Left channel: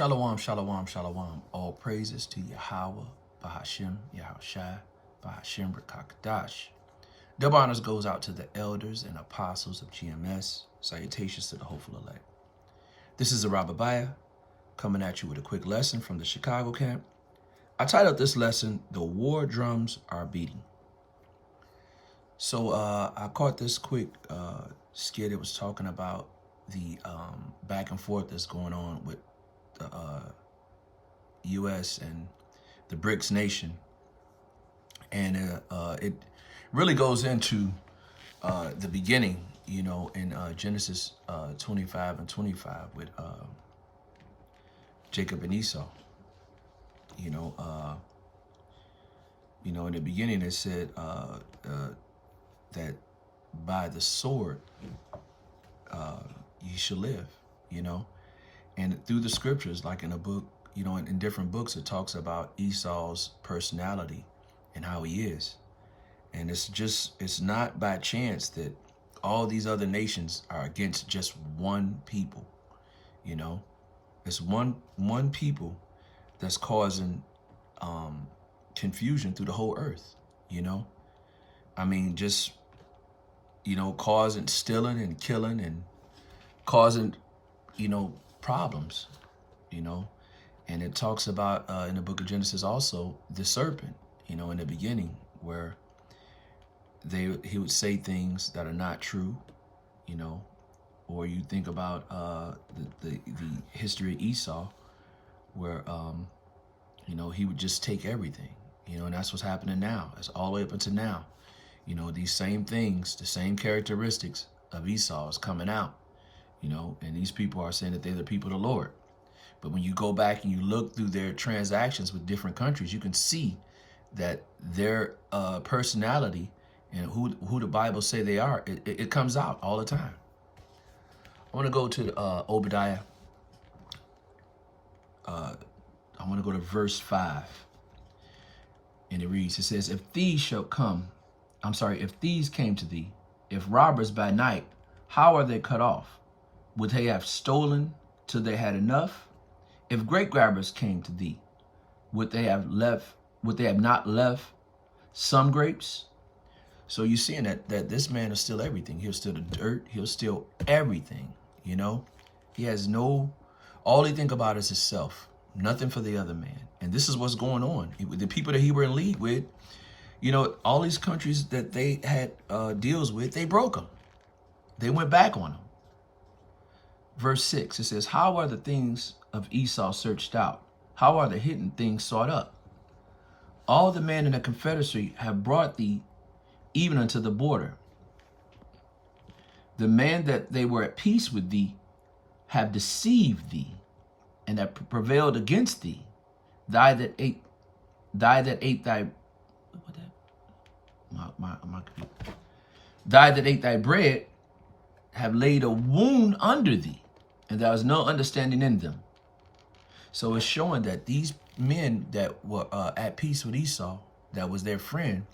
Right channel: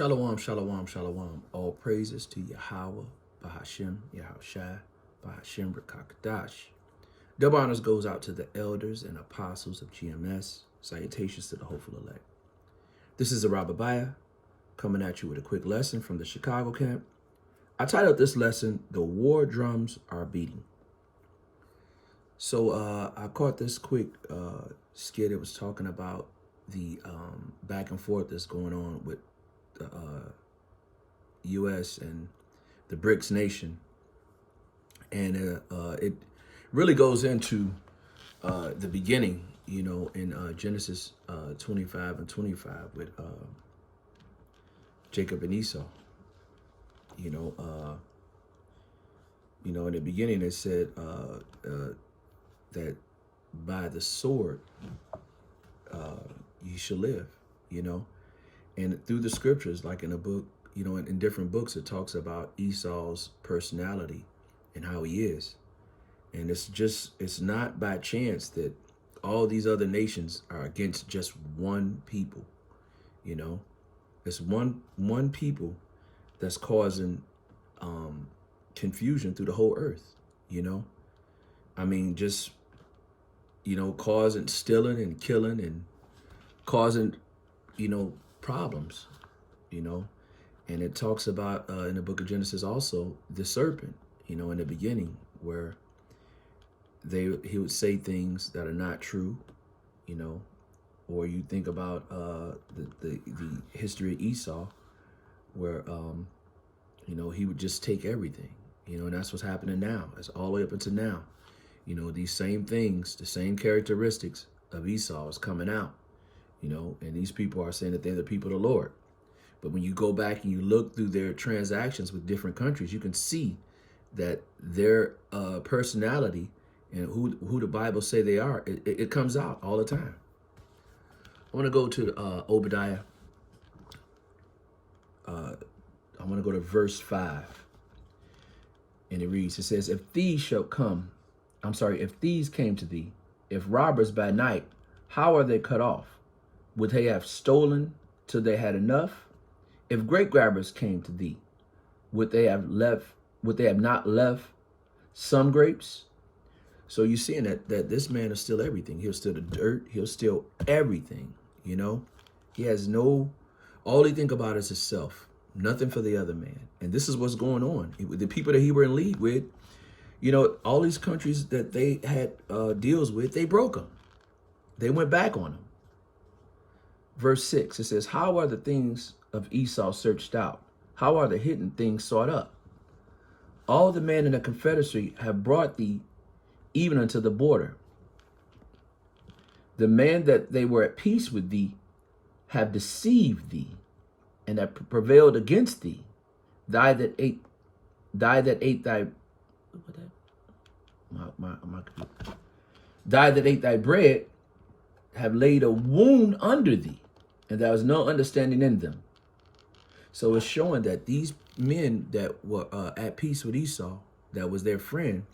Shalom, shalom, shalom. All praises to Yahweh, Bahashem, Yahushai, Bahashem, Rakakadash. Double honors goes out to the elders and apostles of GMS. Salutations to the hopeful elect. This is Arabiah coming at you with a quick lesson from the Chicago camp. I titled this lesson, The War Drums Are Beating. So I caught this quick skit. It was talking about the back and forth that's going on with the U.S. and the BRICS nation. And it really goes into the beginning, you know, in Genesis 25 and 25 with Jacob and Esau. You know, in the beginning it said that by the sword you shall live, you know. And through the scriptures, like in a book, you know, in different books, it talks about Esau's personality and how he is. And it's not by chance that all these other nations are against just one people, you know. It's one people that's causing confusion through the whole earth, you know. I mean, just, you know, causing, stealing and killing and causing, you know, problems, you know. And it talks about in the book of Genesis also the serpent, you know, in the beginning, where he would say things that are not true, you know. Or you think about the history of Esau, where you know, he would just take everything, you know. And that's what's happening now. It's all the way up until now, you know. These same things, the same characteristics of Esau is coming out, you know. And these people are saying that they're the people of the Lord. But when you go back and you look through their transactions with different countries, you can see that their personality and who the Bible say they are, it comes out all the time. I want to go to Obadiah. I want to go to verse 5. And it reads, it says, if thieves came to thee, if robbers by night, how are they cut off? Would they have stolen till they had enough? If grape grabbers came to thee, would they have not left some grapes? So you're seeing that this man will steal everything. He'll steal the dirt. He'll steal everything, you know. He has all he think about is himself, nothing for the other man. And this is what's going on. The people that he were in league with, you know, all these countries that they had deals with, they broke them. They went back on them. Verse 6, it says, how are the things of Esau searched out? How are the hidden things sought up? All the men in the confederacy have brought thee even unto the border. The men that they were at peace with thee have deceived thee, and have prevailed against thee. Thy that ate thy bread have laid a wound under thee, and there was no understanding in them. So it's showing that these men that were at peace with Esau, that was their friend,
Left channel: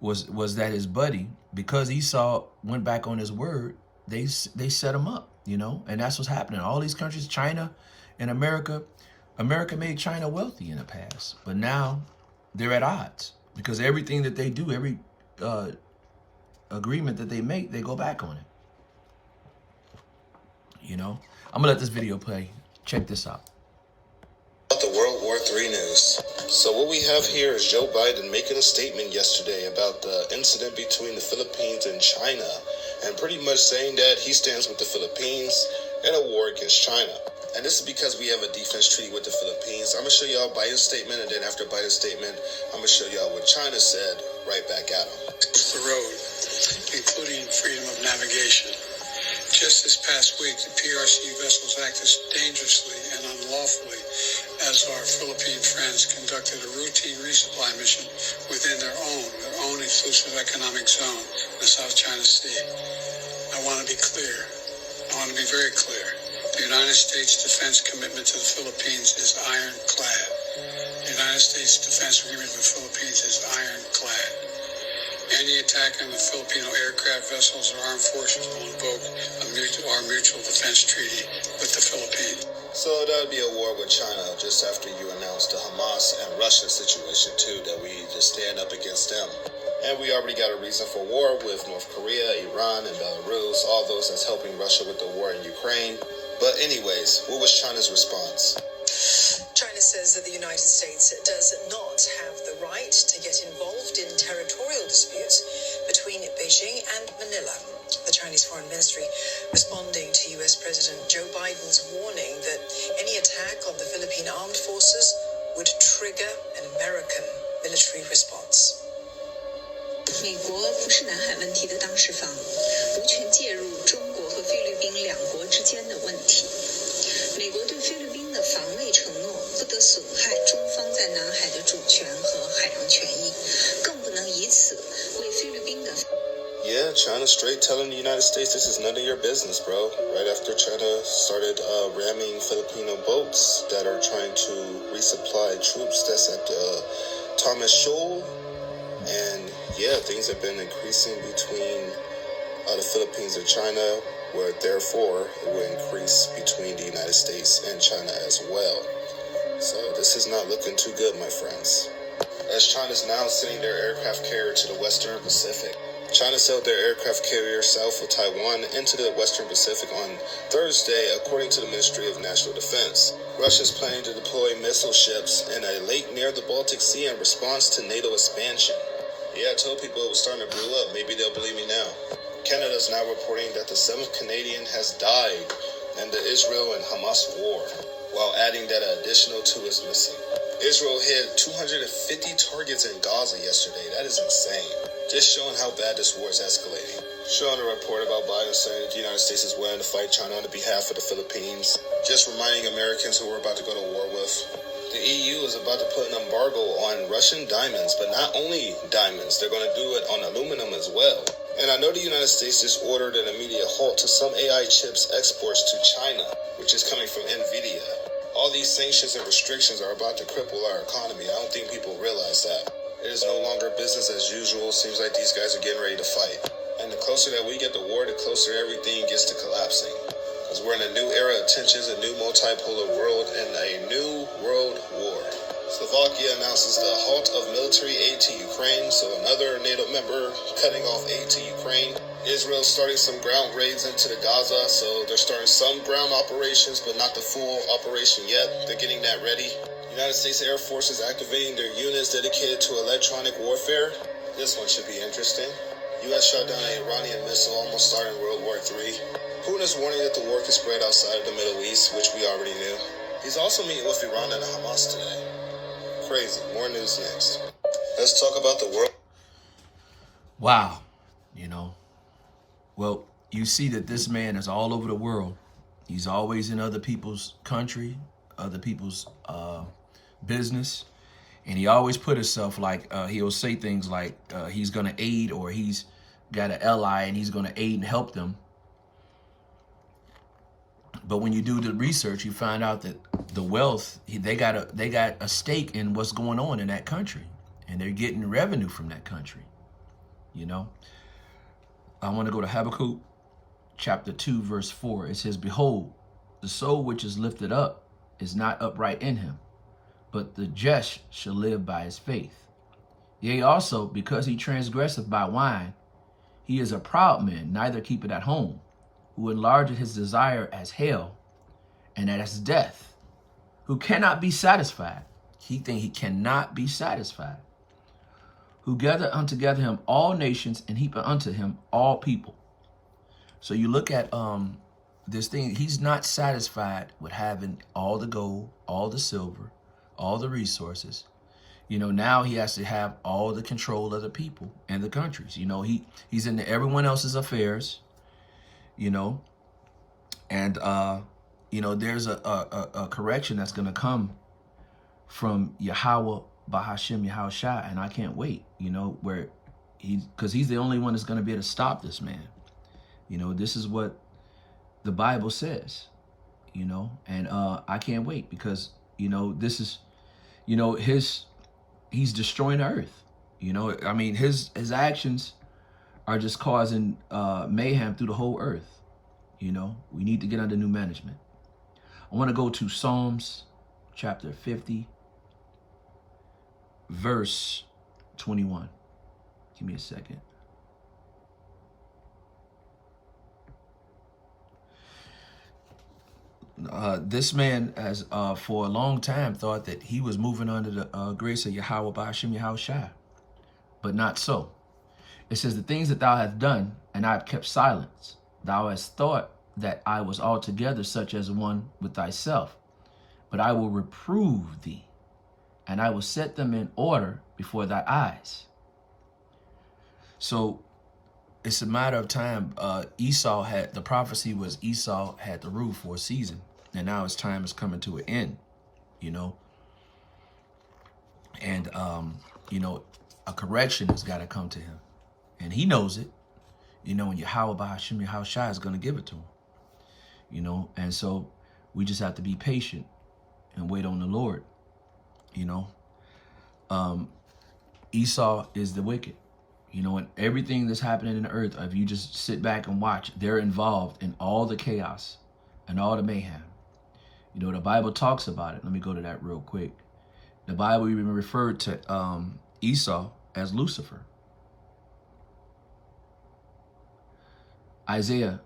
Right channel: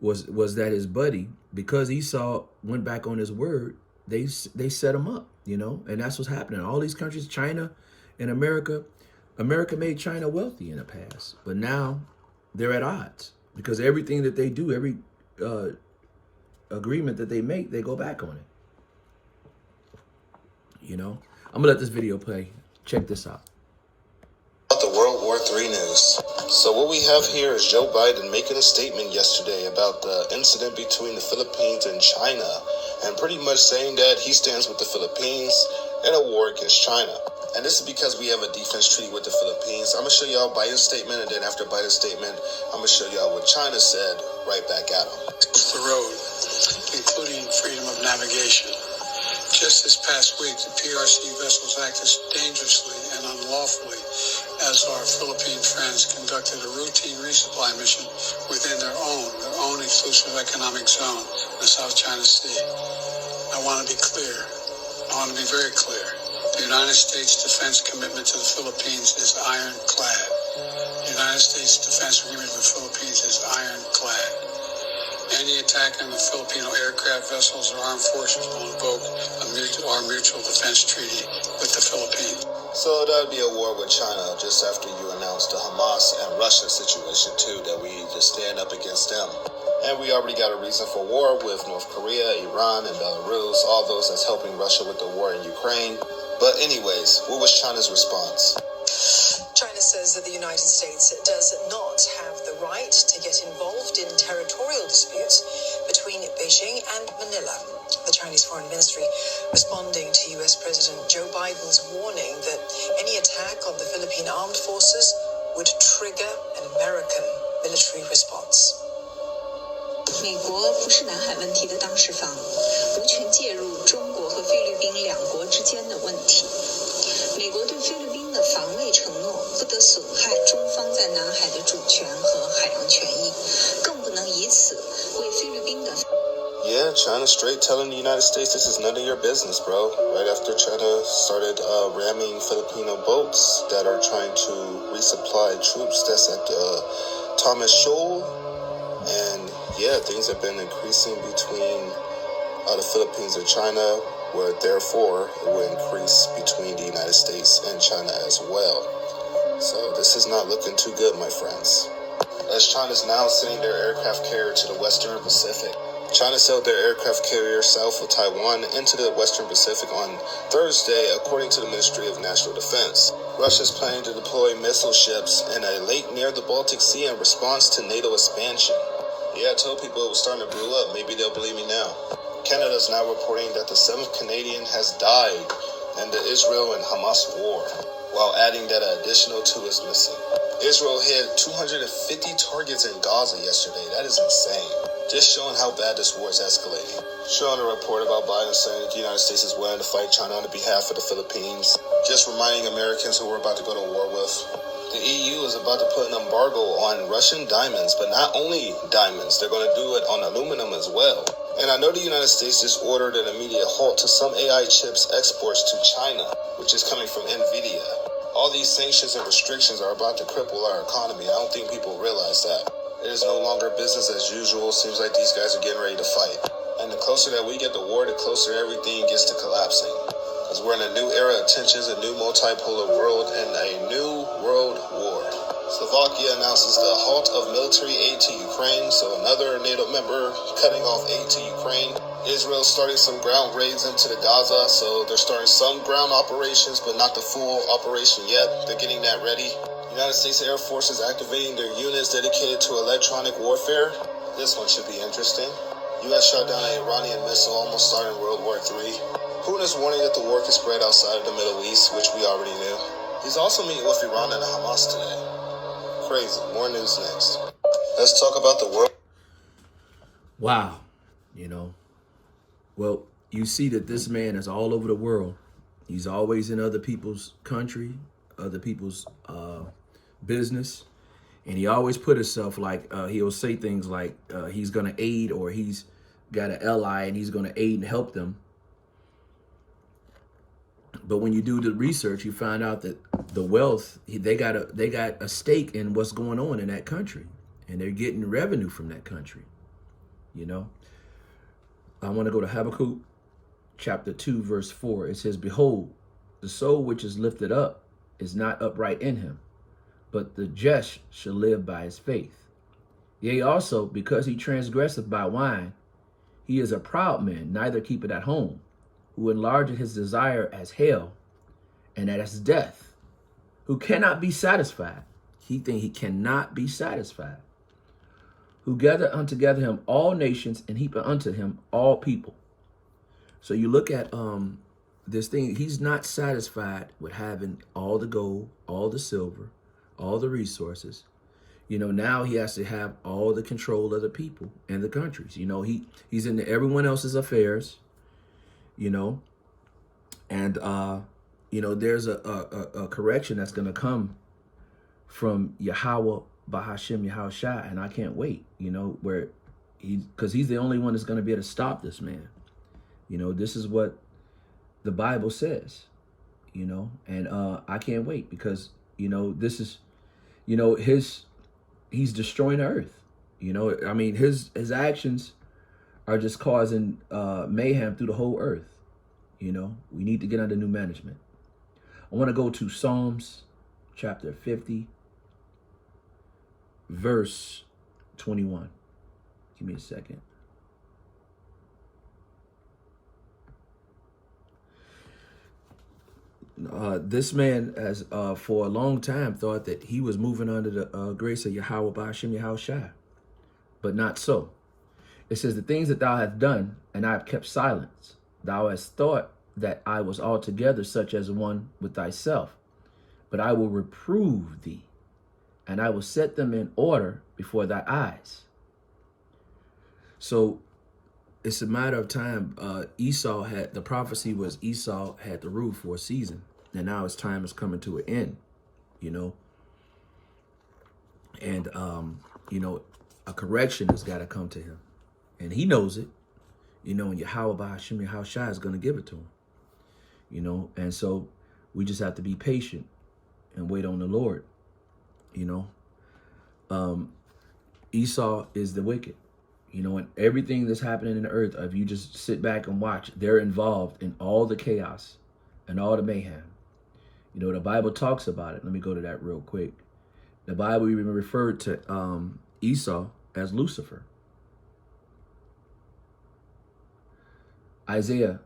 was that his buddy, because Esau went back on his word, they set him up, you know. And that's what's happening. All these countries, China and America made China wealthy in the past, but now they're at odds because everything that they do, every agreement that they make, they go back on it. You know, I'm gonna let this video play. Check this out. The World War III news. So what we have here is Joe Biden making a statement yesterday about the incident between the Philippines and China, and pretty much saying that he stands with the Philippines in a war against China. And this is because we have a defense treaty with the Philippines. I'm going to show y'all Biden's statement, and then after Biden's statement, I'm going to show y'all what China said right back at him. The road, including freedom of navigation. Just this past week, the PRC vessels acted dangerously and unlawfully as our Philippine friends conducted a routine resupply mission within their own exclusive economic zone, the South China Sea. I want to be clear. I want to be very clear. The United States defense commitment to the Philippines is ironclad. The United States defense agreement with the Philippines is ironclad. Any attack on the Filipino aircraft vessels or armed forces will invoke our mutual defense treaty with the Philippines. So So that'd be a war with China just after you announced the Hamas and Russia situation too, that we need to stand up against them. And we already got a reason for war with North Korea, Iran, and Belarus, all those that's helping Russia with the war in Ukraine. But anyways, what was China's response? China says that the United States does not have the right to get involved in territorial disputes between Beijing and Manila. The Chinese Foreign Ministry responding to U.S. President Joe Biden's warning that any attack on the Philippine Armed Forces would trigger an American military response. 美国不是南海问题的当事方，无权介入中国和菲律宾两国之间的问题。美国对菲律宾的防卫承诺不得损害中方在南海的主权和海洋权益，更不能以此为菲律宾的。Yeah, China straight telling the United States this is none of your business, bro. Right after China started ramming Filipino boats that are trying to resupply troops that's at Thomas Shoal. And yeah, things have been increasing between the Philippines and China, where therefore it will increase between the United States and China as well. So this is not looking too good, my friends. As China's now sending their aircraft carrier to the Western Pacific. China sailed their aircraft carrier south of Taiwan into the Western Pacific on Thursday, according to the Ministry of National Defense. Russia's planning to deploy missile ships in a lake near the Baltic Sea in response to NATO expansion. Yeah, I told people it was starting to brew up. Maybe they'll believe me now. Canada's now reporting that the 7th Canadian has died in the Israel and Hamas war, while adding that an additional 2 is missing. Israel hit 250 targets in Gaza yesterday. That is insane. Just showing how bad this war is escalating. Showing a report about Biden saying that the United States is willing to fight China on behalf of the Philippines. Just reminding Americans who we're about to go to war with. The EU is about to put an embargo on Russian diamonds, but not only diamonds, they're going to do it on aluminum as well. And I know the United States just ordered an immediate halt to some AI chips exports to China, which is coming from NVIDIA. All these sanctions and restrictions are about to cripple our economy. I don't think people realize that. It is no longer business as usual. Seems like these guys are getting ready to fight. And the closer that we get to war, the closer everything gets to collapsing. Because we're in a new era of tensions, a new multipolar world, and a new world war. Slovakia announces the halt of military aid to Ukraine, so another NATO member cutting off aid to Ukraine. Israel starting some ground raids into the Gaza, so they're starting some ground operations, but not the full operation yet. They're getting that ready. United States Air Force is activating their units dedicated to electronic warfare. This one should be interesting. U.S. shot down an Iranian missile almost starting World War III. Putin is warning that the war could spread outside of the Middle East, which we already knew. He's also meeting with Iran and Hamas today. Crazy. More news next. Let's talk about the world. Wow. Well, you see that this man is all over the world. He's always in other people's country, other people's business. And he always put himself like, he'll say things like he's going to aid, or he's got an ally and he's going to aid and help them. But when you do the research, you find out that the wealth, they got a stake in what's going on in that country, and they're getting revenue from that country. I want to go to Habakkuk chapter 2, verse 4. It says, "Behold, the soul which is lifted up is not upright in him, but the just shall live by his faith. Yea, also, because he transgresseth by wine, he is a proud man, neither keepeth at home, who enlargeth his desire as hell, and as death, who cannot be satisfied." He cannot be satisfied. "Who gather untogether him all nations, and heap unto him all people." So you look at this thing, he's not satisfied with having all the gold, all the silver, all the resources. Now he has to have all the control of the people and the countries. He's into everyone else's affairs, and there's a correction that's going to come from Yahweh Bahashim Yahushua, and I can't wait, because he's the only one that's going to be able to stop this man. This is what the Bible says, and I can't wait, because, this is, he's destroying the earth. His actions are just causing mayhem through the whole earth. We need to get under new management. I want to go to Psalms chapter 50, verse 21. Give me a second. This man has for a long time thought that he was moving under the grace of Yahweh Ba'ashem Yahushua, but not so. It says, the things that thou hast done, and I have kept silence. Thou hast thought that I was altogether such as one with thyself, but I will reprove thee, and I will set them in order before thy eyes. So it's a matter of time. Esau had, the prophecy was Esau had the rule for a season, and now his time is coming to an end, you know. And, you know, a correction has got to come to him. And he knows it, you know, and Yahweh Ba'ashem Yahushua is going to give it to him, you know. And so we just have to be patient and wait on the Lord, you know. Esau is the wicked, you know, and everything that's happening in the earth, if you just sit back and watch, they're involved in all the chaos and all the mayhem. You know, the Bible talks about it. Let me go to that real quick. The Bible even referred to Esau as Lucifer. Isaiah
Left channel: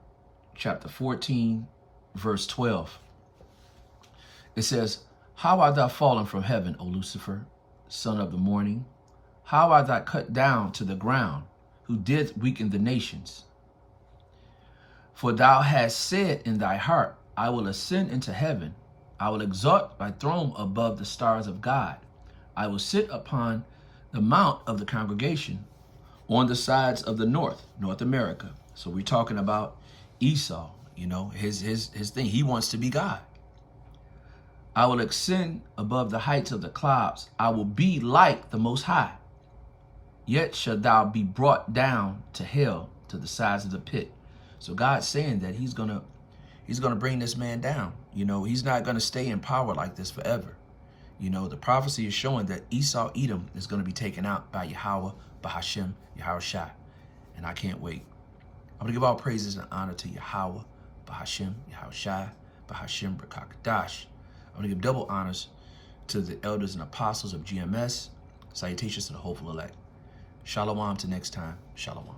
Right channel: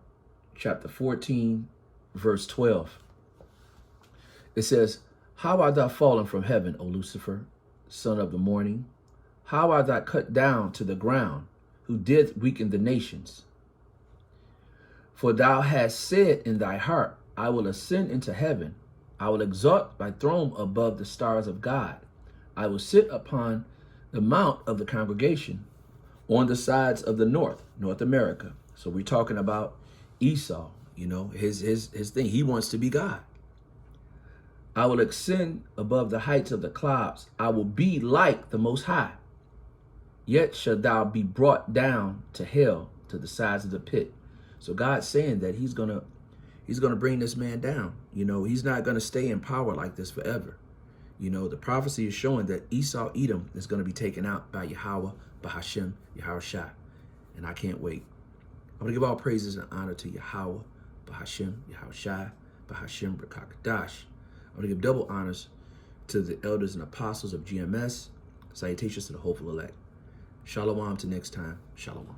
chapter 14, verse 12. It says, how art thou fallen from heaven, O Lucifer, son of the morning? How art thou cut down to the ground, who did weaken the nations? For thou hast said in thy heart, I will ascend into heaven. I will exalt thy throne above the stars of God. I will sit upon the mount of the congregation on the sides of the North America. So we're talking about Esau, you know, his thing. He wants to be God. I will ascend above the heights of the clouds. I will be like the Most High. Yet shalt thou be brought down to hell, to the sides of the pit. So God's saying that he's gonna bring this man down. You know, he's not gonna stay in power like this forever. You know, the prophecy is showing that Esau, Edom, is gonna be taken out by Yahweh, Ba'ashem, Yahushua. And I can't wait. I'm gonna give all praises and honor to Yahweh, Ba'ashem, Yahushua, Ba'ashem, B'Kakadash. I'm gonna give double honors to the elders and apostles of GMS. Salutations to the hopeful elect. Shalom till next time. Shalom.